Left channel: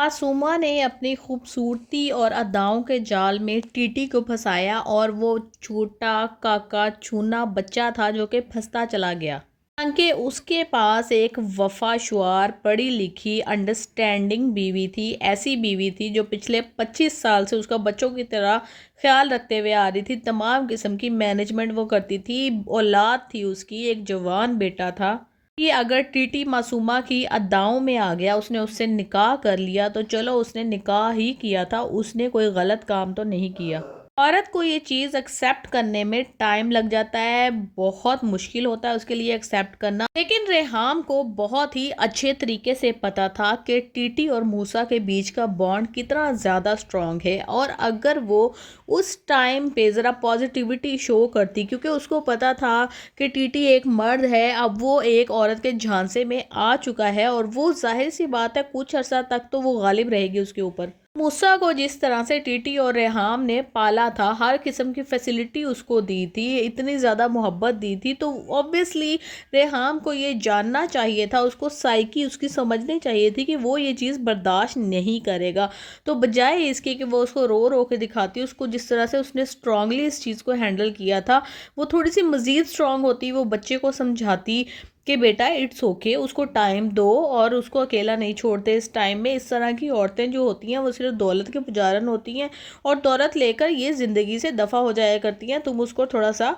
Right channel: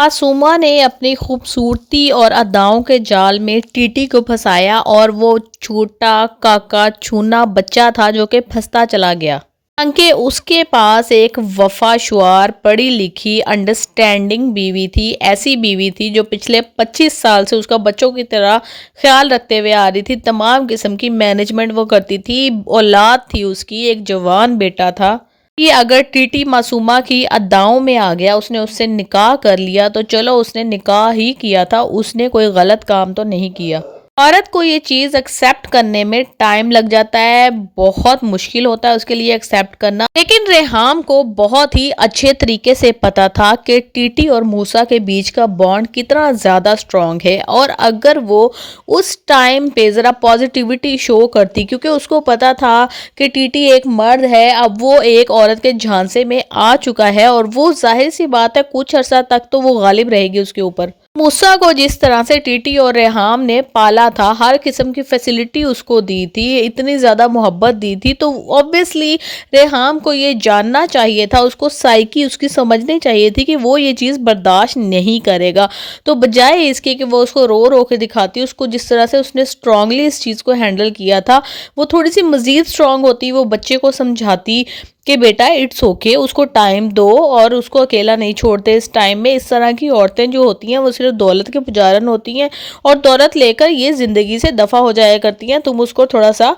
मासूमा ने अपनी खूबसूरती और अदाओं के जाल में टीटी को फंसाया और वो छोटा काका छूना बच्चा था जो कि फंसता चला गया। हालांकि उसके पास एक वफाशुआर पढ़ी लिखी अंडरस्टैंडिंग बीवी थी, ऐसी बीवी थी जो पिछले 25 साल से उसका बच्चों की तरह ख्याल रखते हुए आ रही थी। तमाम किस्म की मैनेजमेंट वो करती थी। औलाद थी उसकी, एक जवान बेटा था कि अगर टीटी मासूमा की अदाओं में आ गया, उसने उससे निकाह कर लिया तो चलो, उसने निकाह ही किया था, उसने कोई गलत काम तो नहीं किया। औरत को ये चीज़ एक्सेप्ट करने में टाइम लग जाता है, बहुत मुश्किल होता है उसके लिए एक्सेप्ट करना। लेकिन रेहाम को बहुत ही अच्छे तरीके से पता था कि टीटी और मूसा के बीच का बॉन्ड कितना ज़्यादा स्ट्रॉन्ग है, और अगर वो उस टाइम पे ज़रा पॉजिटिविटी शो करती, क्योंकि उसको पता था कि टीटी एक मर्द है, अब वो एक औरत के झांसे में आ चुका है, और वो जाहिर सी बात है कुछ अर्सा तक तो वो गालिब रहेगी उसके ऊपर। मूसा को जिस तरह से टीटी और रेहाम ने पाला था, हर किस्म की फैसिलिटी उसको दी थी, इतनी ज़्यादा मोहब्बत दी थी, तो ऑब्वियसली रेहाम को ये जानना चाहिए था, उसको साइकी उसकी समझनी चाहिए थी कि वो ये चीज़ बर्दाश्त नहीं करेगा। तो बजाय इसके कि वो उसको रो रो के दिखाती, उसको जिस तरह से उसने स्ट्रांगली इस चीज़ को हैंडल किया था, वो थोड़ी सी मज़ीद स्ट्रांग होती, वो बच्चे को समझाती कि बेटा इट्स ओके, उसको टाइम दो और उसको अकेला नहीं छोड़ते इस टाइम में। इस तरह की औरतें जो होती हैं वो सिर्फ दौलत के पुजारन होती हैं, और दौलत लेकर ये ज़िंदगी से दफ़ा हो जाया करती हैं, तुम उसको थोड़ा सा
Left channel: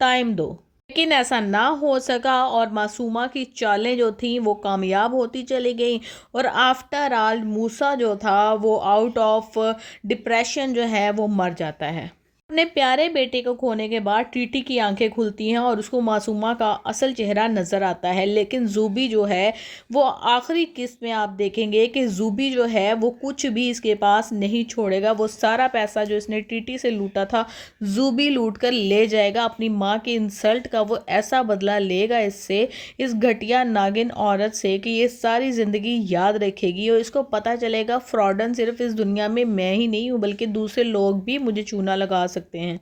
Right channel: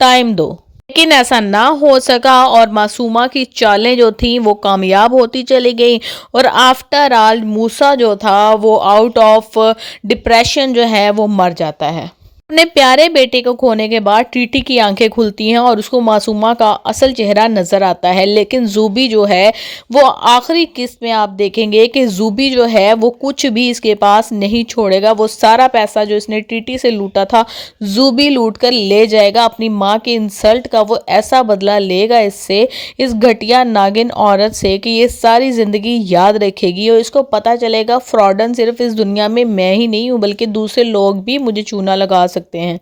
टाइम दो। लेकिन ऐसा ना हो सका, और मासूमा की चालें जो थीं वो कामयाब होती चली गई, और आफ्टर ऑल मूसा जो था वो आउट ऑफ डिप्रेशन जो है वो मर जाता है। अपने प्यारे बेटे को खोने के बाद टीटी की आंखें खुलती हैं और उसको मासूमा का असल चेहरा नजर आता है। लेकिन जूबी जो है वो आखिरी किस्त में आप देखेंगे कि जूबी जो है वो कुछ भी इसके पास नहीं छोड़ेगा। वो सारा पैसा जो इसने टीटी से लूटा था जूबी लूट कर ले जाएगा। अपनी माँ के इंसल्ट का वो ऐसा बदला लेगा इससे, इस घटिया नागिन औरत से, कि ये सारी ज़िंदगी याद रखेगी, और इसको पता चलेगा फ्रॉडन सिर्फ इस दुनिया में मैं ही नहीं हूँ बल्कि दूसरे लोग भी मुझे चूना लगा सकते हैं,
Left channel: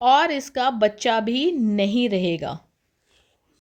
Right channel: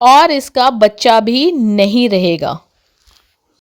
और इसका बच्चा भी नहीं रहेगा।